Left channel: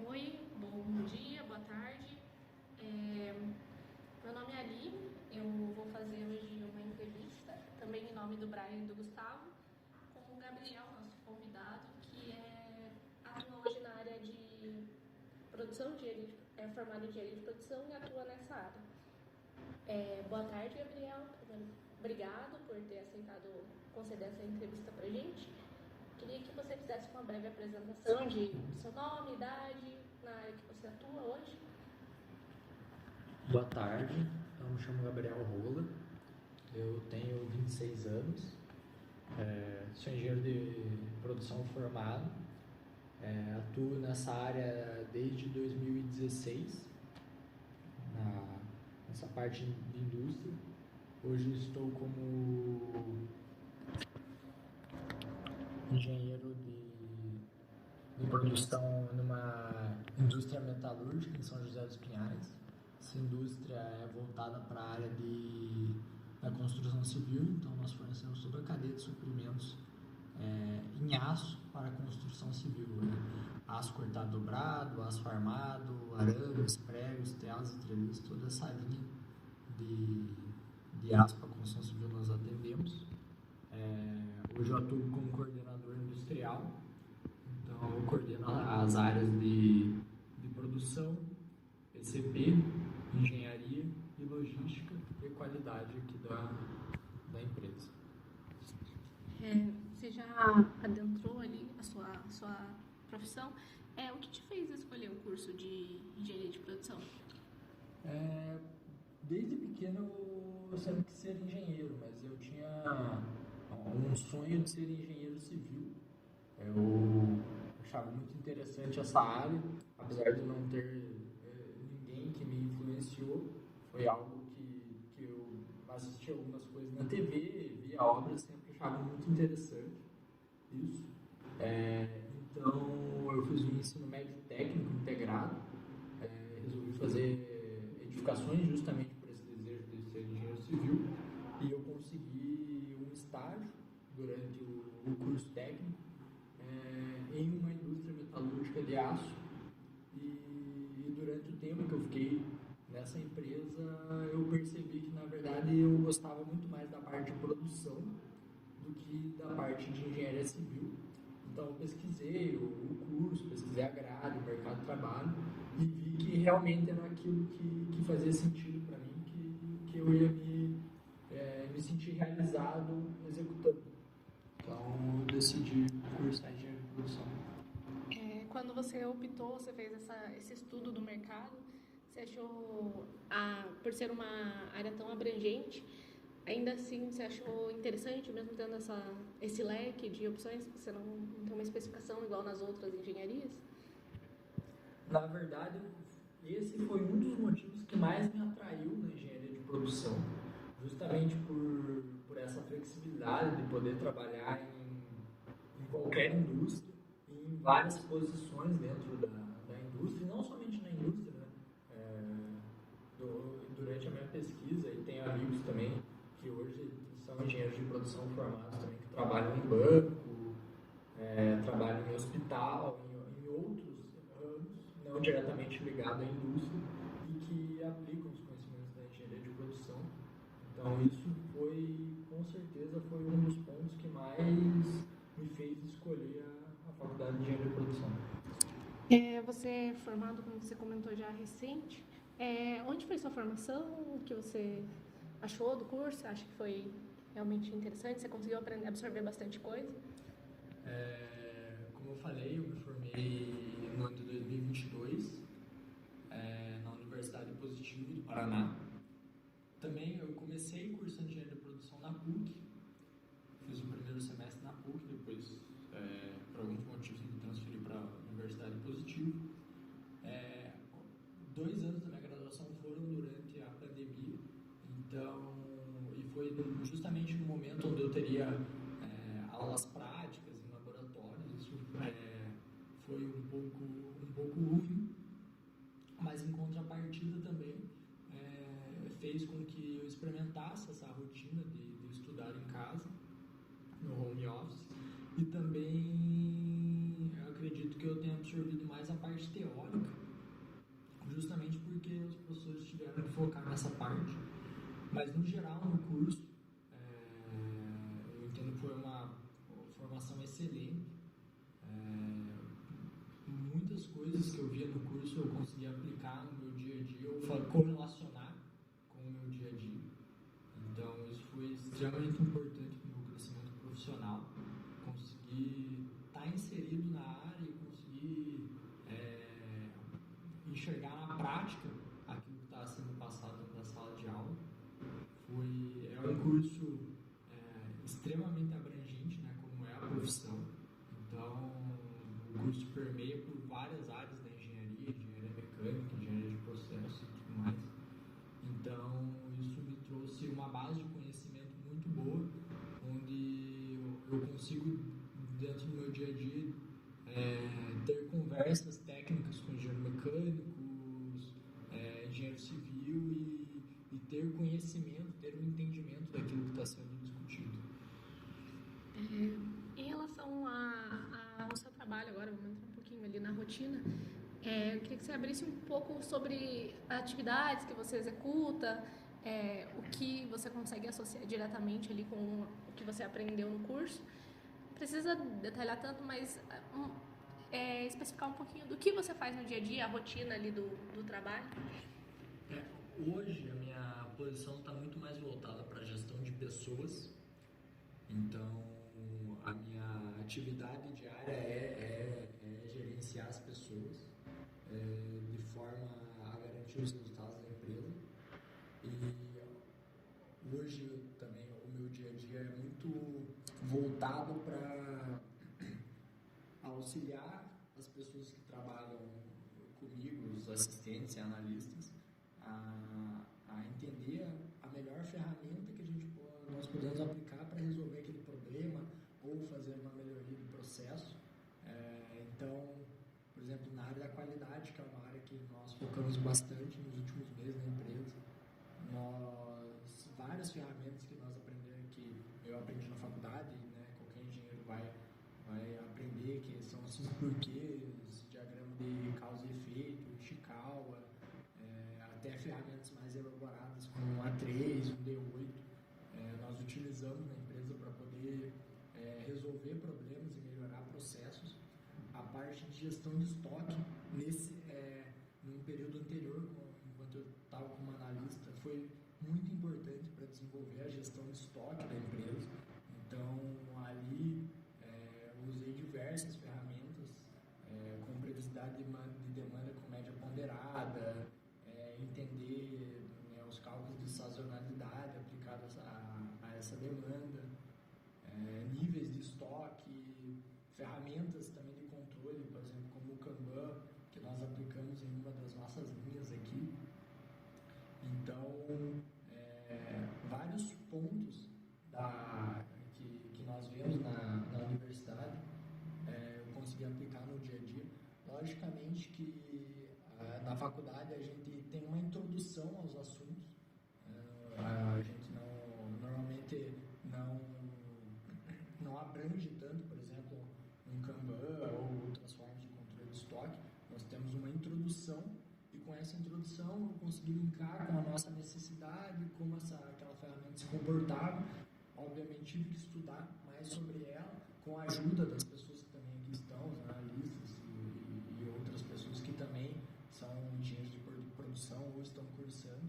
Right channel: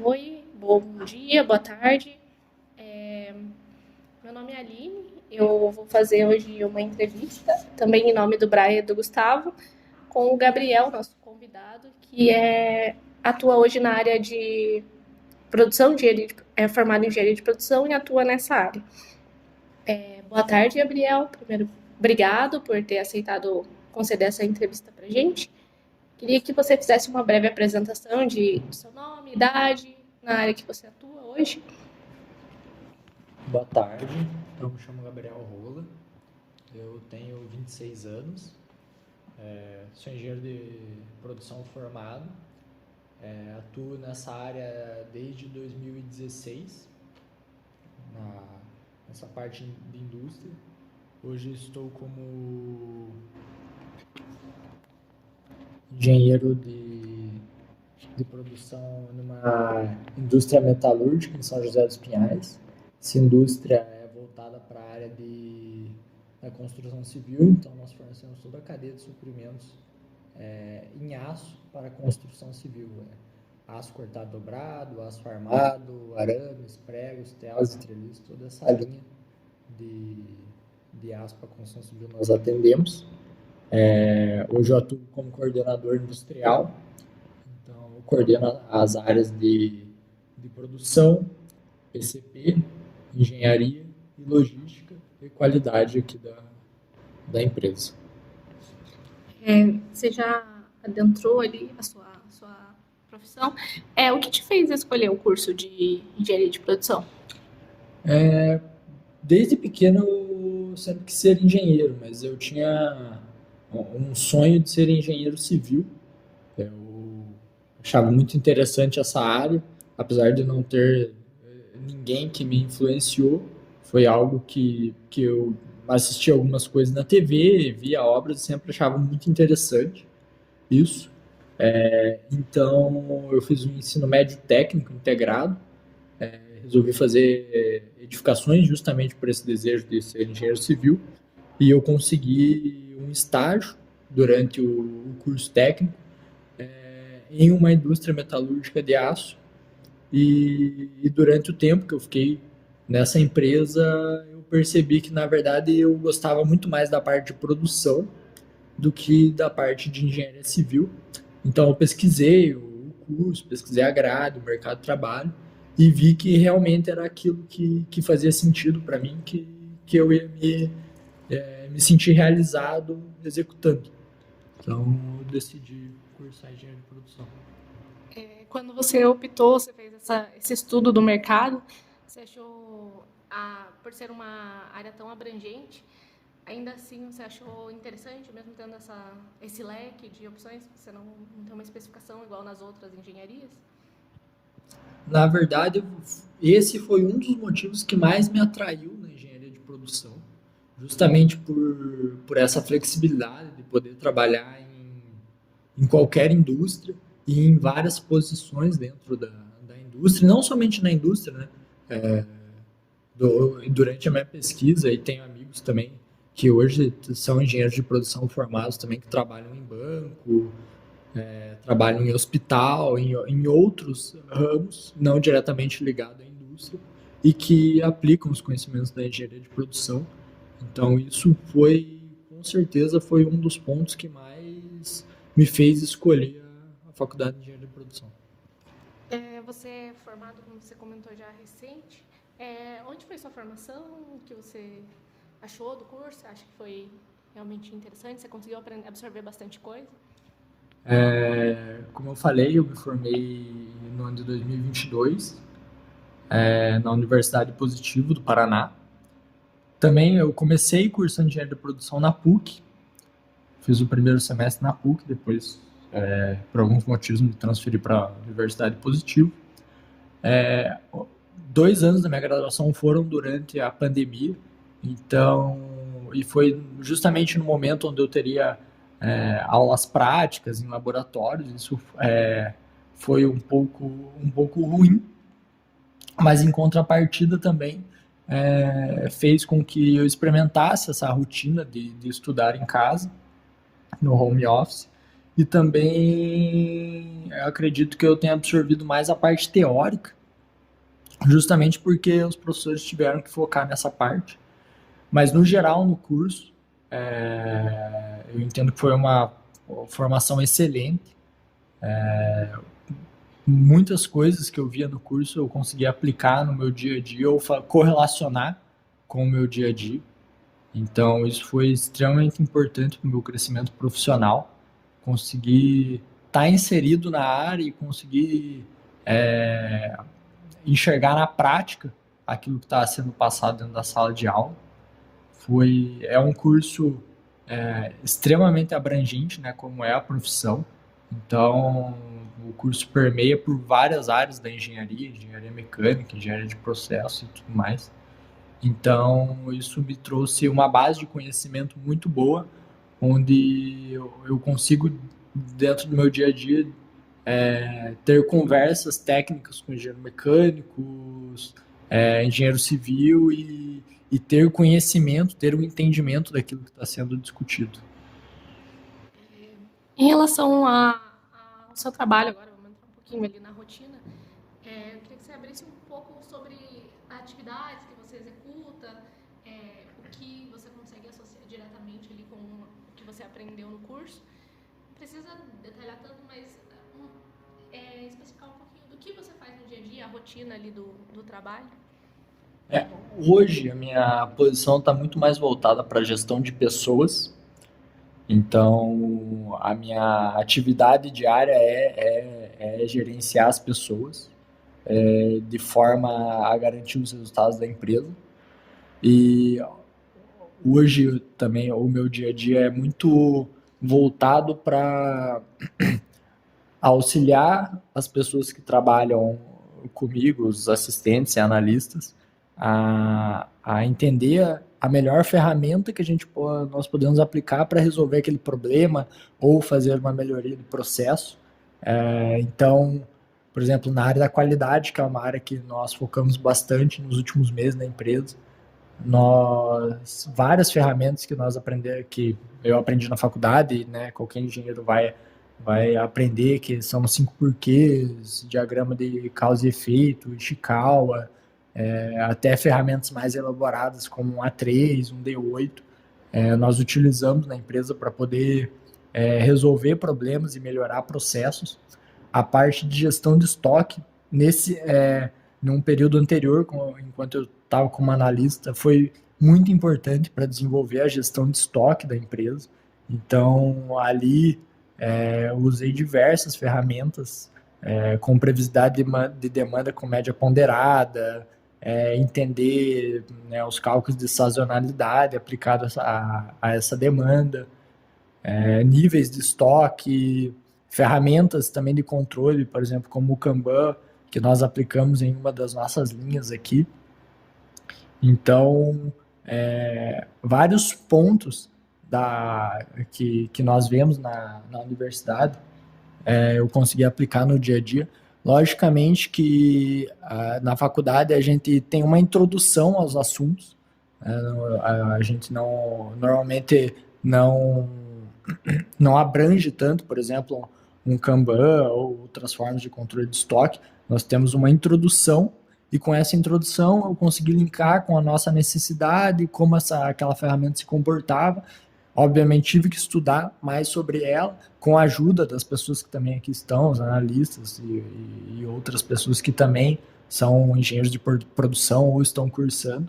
Oi, bom dia, boa tarde. Meu nome é Aline. Eu vou fazer hoje uma entrevista, também em nome do Braia e do Gustavo, com o Gabriel, nosso convidado, atua hoje na área de produção, é formado em engenharia de produção e atua nessa área. Boa tarde, Gabriel. Primeiro, obrigado por ter aceitado conceder essa entrevista para a gente. Queria que você fizesse uma breve apresentação de seu nome, idade, na área que você atua hoje. Boa tarde, eu me chamo Gabriel Rola, eu tenho 26 anos, sou engenheiro de produção formado, atuo nessa área desde 2016, nessa parte de indústria. Hoje estou como engenheiro de produção numa indústria metalúrgica em São José dos Pinhais. Essa indústria é voltada para a área da construção civil, então nós fornecemos toda a cadeia de suprimentos em aço para a construção civil. Né? Aço cortado dobrado, aço armado, arames, pregos, telas e treliços, toda essa linha de aço para a construção civil nós atendemos. Hoje eu atuo como coordenador industrial, então eu coordeno as áreas de produção, PCB, engenharia e logística e qualidade aqui da empresa. Você já adentrou ali a sua profissão. O que te fez escolher o curso de engenharia de produção? Desde pequeno eu sempre quis ser engenheiro, mas eu tinha um sonho de ser engenheiro civil. Eu achava muito interessante essa área, apesar de não ter ninguém que me influenciou. Foi algo que eu assisti algumas coisas na TV, via obras e sempre achava muito interessante isso. Então eu fiz um ensino médio técnico integrado, resolvi fazer edificações justamente por esse desejo de ser engenheiro civil e eu consegui um estágio durante o curso técnico em uma indústria metalúrgica de aço e durante o tempo que eu fiquei nessa empresa eu percebi que na verdade eu gostava muito mais da parte de produção do que da parte de engenharia civil. Então eu pesquisei o curso, pesquisei a grade, o mercado de trabalho e vi que realmente era aquilo que fazia sentido para mim, que eu ia me sentir realizado executando. Então eu decidi cursar engenharia de produção. Quando você optou, você fez esse estudo do mercado, você achou, por ser uma área tão abrangente, ainda assim você achou interessante, mesmo tendo esse leque de opções, você não tem uma especificação igual nas outras engenharias? Na verdade, esse foi um dos motivos que mais me atraiu na engenharia de produção, justamente por essa flexibilidade de poder trabalhar em qualquer indústria e em várias posições dentro da indústria, não somente na indústria, né? Durante a minha pesquisa, e tenho amigos também que hoje são engenheiros de produção formados também, que trabalham em banco, trabalham em hospital, em outros ramos, não diretamente ligados à indústria, e que aplicam os conhecimentos da engenharia de produção. Então, isso com certeza, foi um dos pontos que mais me fez escolher a faculdade de engenharia de produção. Você é formado, como você comentou já, recente. Onde foi sua formação? O que você achou do curso? Acha que foi realmente interessante? Você conseguiu absorver bastante coisa? Como eu falei, eu me formei no ano de 2022, na Universidade Positivo do Paraná. Também eu comecei cursando engenharia de produção na PUC, fiz o primeiro semestre na PUC, depois, por alguns motivos, me transferi para a Universidade Positivo. 2 anos da minha graduação foram durante a pandemia, então, e foi justamente no momento onde eu teria aulas práticas em laboratórios, isso foi um pouco ruim, mas em contrapartida também fez com que eu experimentasse essa rotina de estudar em casa, no home office, e também eu acredito que eu tenha absorvido mais a parte teórica, justamente porque os professores tiveram que focar nessa parte. Mas, no geral, no curso, eu entendo que foi uma formação excelente. Muitas coisas que eu via no curso eu consegui aplicar no meu dia a dia ou correlacionar com o meu dia a dia. Então, isso foi extremamente importante para o meu crescimento profissional. Conseguir estar inserido na área e conseguir enxergar na prática aquilo que está sendo passado dentro da sala de aula. É um curso extremamente abrangente, né, como é a profissão. Então, o curso permeia por várias áreas da engenharia, engenharia mecânica, engenharia de processo e tudo mais. Então, isso me trouxe uma base de conhecimento muito boa, onde eu consigo, dentro do meu dia a dia, ter conversas técnicas com engenheiros mecânicos, engenheiro civil e ter conhecimento, ter um entendimento daquilo que está sendo discutido. Em relação ao seu trabalho agora, vamos entrar um pouquinho ali na rotina, eu queria que você abrisse um pouco sobre atividades que você executa, o que você consegue associar diretamente ali com o que você aprendeu no curso. Não precisa detalhar tanto, mas especificar um pouquinho do que você faz no dia a dia, a rotina ali do trabalho. Hoje, a minha posição está muito mais voltada para a gestão de pessoas. Então, a minha atividade diária é gerenciar as pessoas de forma a garantir os resultados da empresa. E hoje também o meu dia a dia é muito voltado para auxiliar as pessoas que trabalham comigo, os assistentes e analistas, a entender a melhor ferramenta que nós podemos aplicar para resolver aquele problema ou fazer uma melhoria do processo. Então, por exemplo, na área da qualidade, que é uma área que nós focamos bastante nos últimos meses na empresa, várias ferramentas que eu aprendi na faculdade, né, qualquer engenheiro vai aprender, que são 5 porquês, diagrama de causa e efeito, Ishikawa, até ferramentas mais elaboradas como um A3, um D8, nós utilizamos na empresa para poder resolver problemas e melhorar processos. A parte de gestão de estoque, num período anterior, enquanto eu estava como analista, foi muito importante para desenvolver a gestão de estoque da empresa. Então, ali, eu usei diversas ferramentas com previsibilidade de demanda com média ponderada, entender, né, os cálculos de sazonalidade aplicados a essa demanda, níveis de estoque, ferramentas também de controle, por exemplo, como o Kanban, que nós aplicamos em uma das nossas linhas aqui. Então, vários pontos que nós vemos na universidade, eu consegui aplicar no dia a dia. Logicamente que na faculdade a gente tem uma introdução aos assuntos, a gente normalmente não abrange tanto, por exemplo, um Kanban ou outras formas de controle de estoque. Nós temos uma introdução e com essa introdução eu consegui linkar com a nossa necessidade, como aquela ferramenta se comportava. Obviamente tive que estudar mais sobre ela, com a ajuda das pessoas que também aqui estão, os analistas e outras pessoas que também são engenheiros de produção ou estão cursando,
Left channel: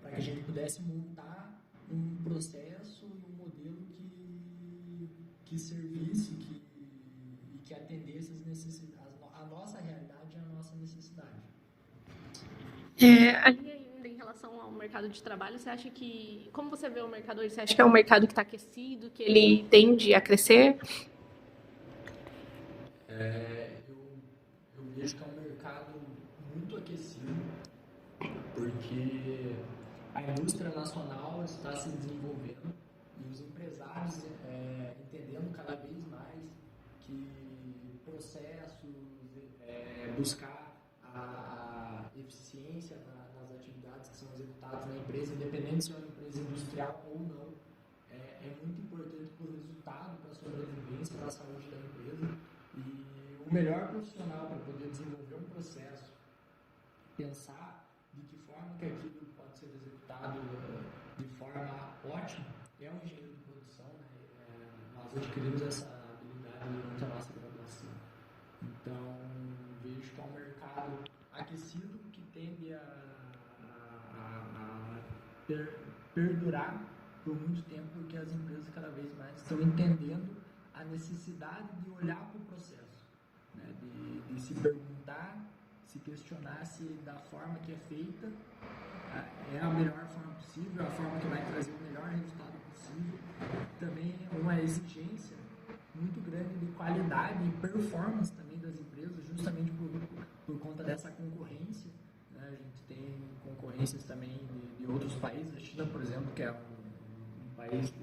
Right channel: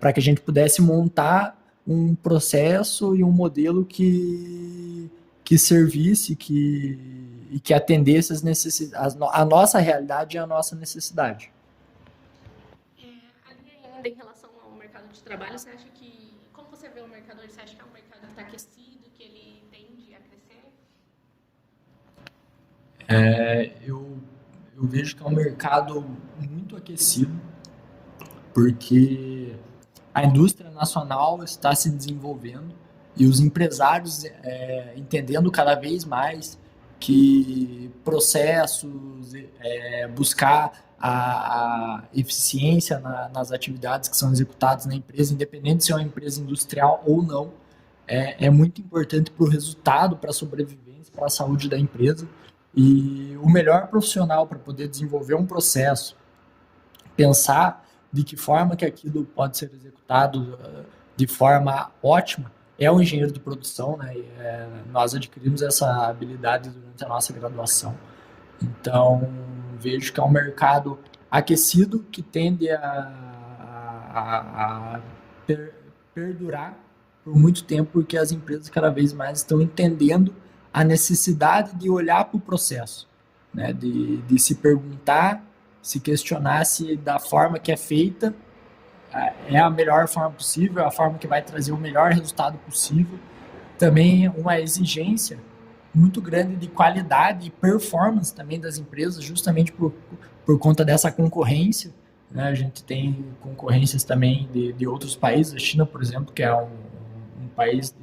para que a gente pudesse montar um processo e um modelo que servisse, e que atendesse as necessidades, a nossa realidade e a nossa necessidade. Ali ainda em relação ao mercado de trabalho, você acha como você vê o mercado hoje? Você acha que é um mercado que está aquecido, que ele tende a crescer? Eu vejo que é um mercado muito aquecido, porque a indústria nacional está se desenvolvendo e os empresários entendendo cada vez mais que processos, buscar a eficiência nas atividades que são executadas na empresa, independente se é uma empresa industrial ou não, é muito importante para o resultado, para a sobrevivência empresa, para a saúde da empresa. E o melhor profissional para poder desenvolver um processo, pensar de que forma que aquilo pode ser executado de forma ótima, é o engenheiro de produção, né? Nós adquirimos essa habilidade durante a nossa graduação. Então, vejo que é um mercado aquecido que tende a perdurar por muito tempo, porque as empresas cada vez mais estão entendendo a necessidade de olhar para o processo, né? De se perguntar, se questionar se da forma que é feita é a melhor forma possível, a forma que vai trazer o melhor resultado possível. Também uma exigência muito grande de qualidade e performance também das empresas, justamente por conta dessa concorrência, né? A gente tem concorrências também de outros países, a China, por exemplo, que é um país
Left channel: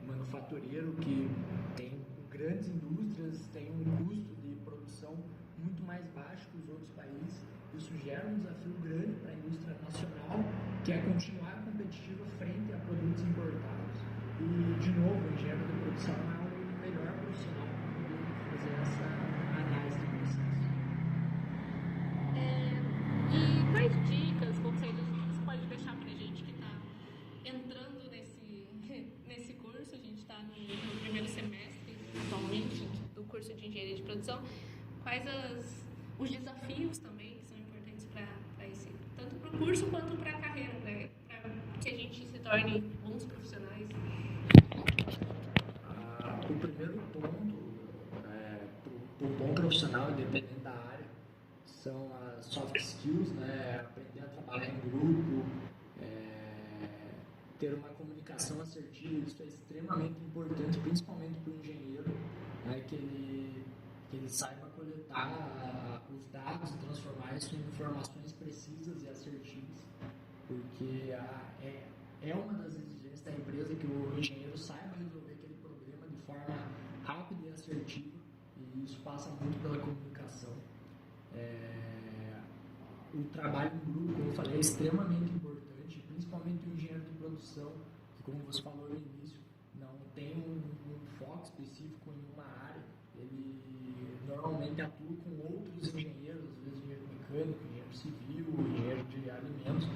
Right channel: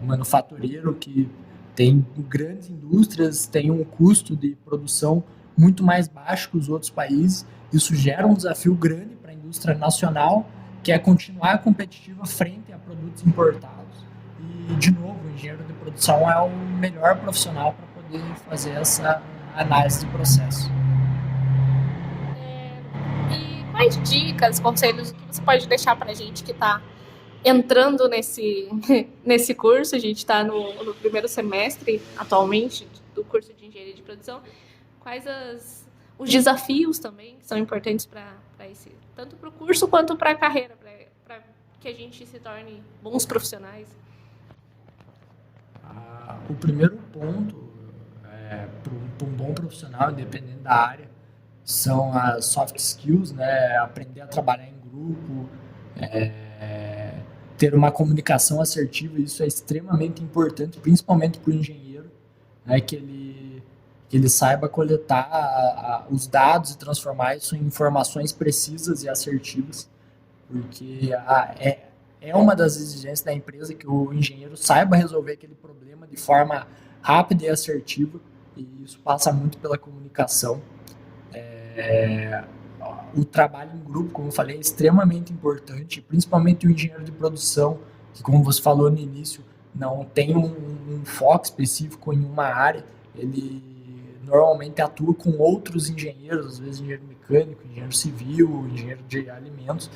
manufatureiro que tem grandes indústrias, tem um custo de produção muito mais baixo que os outros países. Isso gera um desafio grande para a indústria nacional, que é continuar competitiva frente a produtos importados. E, de novo, o engenheiro de produção é o melhor profissional para poder fazer essa análise de processo. E quais dicas, conselhos que você pode deixar para a gente que está entrando nesse curso? A gente está no primeiro semestre, atualmente, do curso de Engenharia de Produção. Quais os desafios também que são importantes para esse, tanto para o curso quanto para a carreira, para que a gente se torne bons profissionais? O primeiro ponto para um bom profissional, independente da área, são as soft skills, né? Aprender a trabalhar em grupo, ter uma comunicação assertiva. Isso é extremamente importante, principalmente para o engenheiro, né? Que ele saiba coletar os dados e transformar isso em informações precisas e assertivas, porque é uma das exigências da empresa que o engenheiro saiba resolver aquele problema de forma rápida e assertiva, e isso passa muito pela comunicação. O trabalho em grupo, como eu falei, é extremamente importante, principalmente o engenheiro de produção, que, como você falou no início, não tem um foco específico em uma área. Ele normalmente atua com outros engenheiros, às vezes engenheiro mecânico, engenheiro civil, engenheiro de alimentos,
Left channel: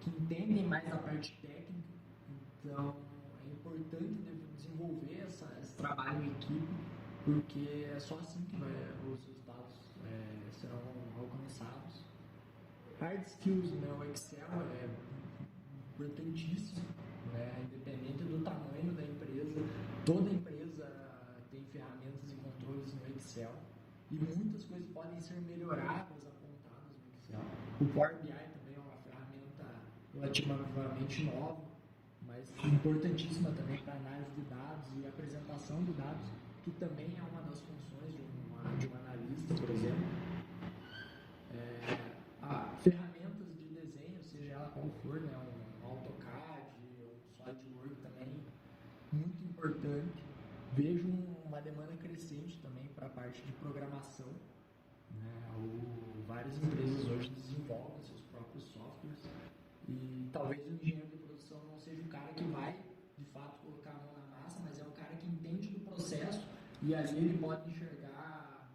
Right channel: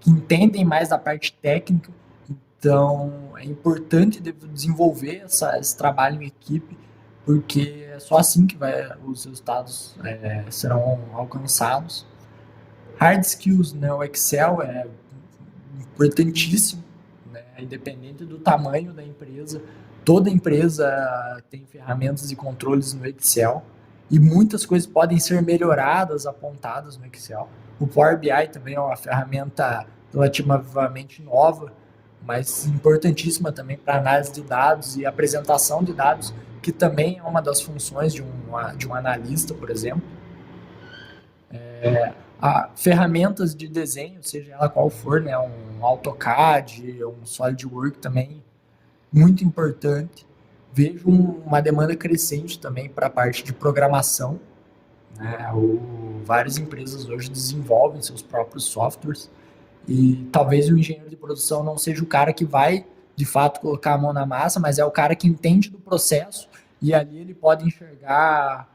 que entendem mais da parte técnica. Então, é importante desenvolver esse trabalho em equipe, porque é só assim que os resultados serão alcançados. Hard skills, né? O Excel é importantíssimo, né? Independente do tamanho da empresa, toda empresa tem ferramentas e controles no Excel, e muitas coisas podem ser melhoradas, apontadas no Excel. O Power BI também é uma ferramenta relativamente nova, mas importantíssima também para análise de dados e apresentação de dados, que também é uma das funções de um analista, por exemplo. Ferramentas de desenho, seja ela qual for, né, um AutoCAD, um SolidWorks também, muito importante. Vejo uma demanda crescente também para a parte de programação, né? Várias empresas hoje desenvolvem seus próprios softwares, e talvez o engenheiro de produção não seja o cara que vai, de fato, colocar a mão na massa, mas é o cara que entende do processo, e ali ele pode enxergar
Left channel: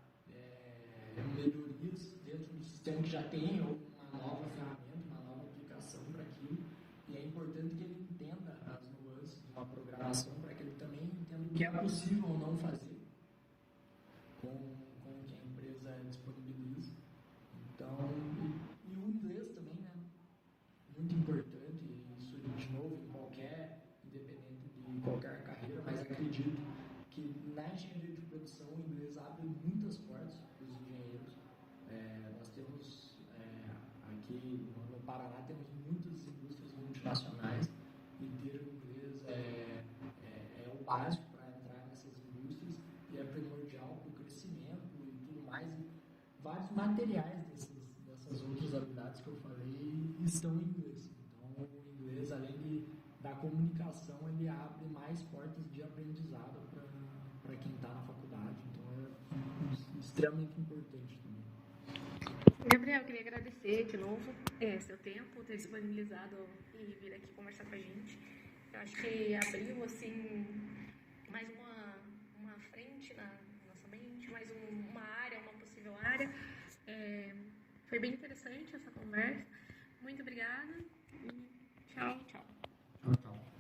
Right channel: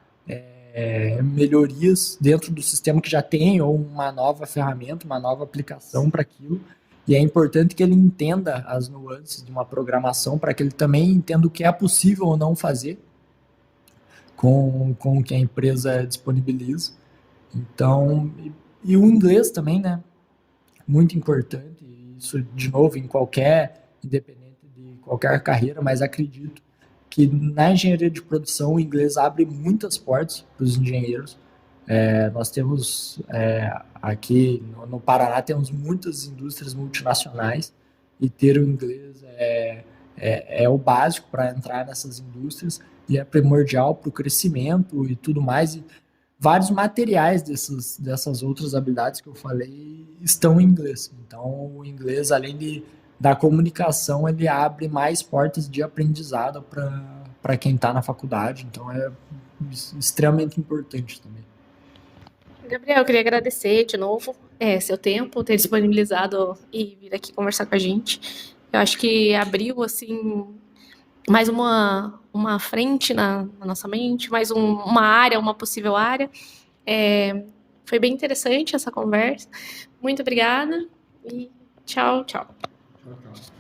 melhorias dentro do sistema que já tem, ou uma nova ferramenta, uma nova aplicação para aquilo. E é importante que ele entenda as nuances de uma programação, para que ele também entenda o que é possível ou não fazer com o que a empresa disponibiliza. Então, e o inglês também, né? Muito importante. Isso, de novo, independente de qualquer carreira, mas acredito que na engenharia de produção o inglês abre muitas portas para os engenheiros. Nós temos aqui no Paraná, temos muitas indústrias multinacionais, e ter o inglês é o básico para entrar nessas indústrias, e é primordial para o crescimento e tudo mais. E vários materiais dessas outras habilidades que eu falei estão em inglês. Então, o inglês, além da comunicação, ele abre mais portas de aprendizado para quem está na faculdade. Então, é extremamente importante também. Gabriel, eu queria agradecer de novo seu tempo, ter disponibilizado e vir aqui conversar com a gente. Eu acho que abriu, assim, mais uma frente na nossa mente, mais uma área, uma possível área. Foi bem interessante essa conversa. Muito obrigada e tchau, tchau. Tchau, tchau.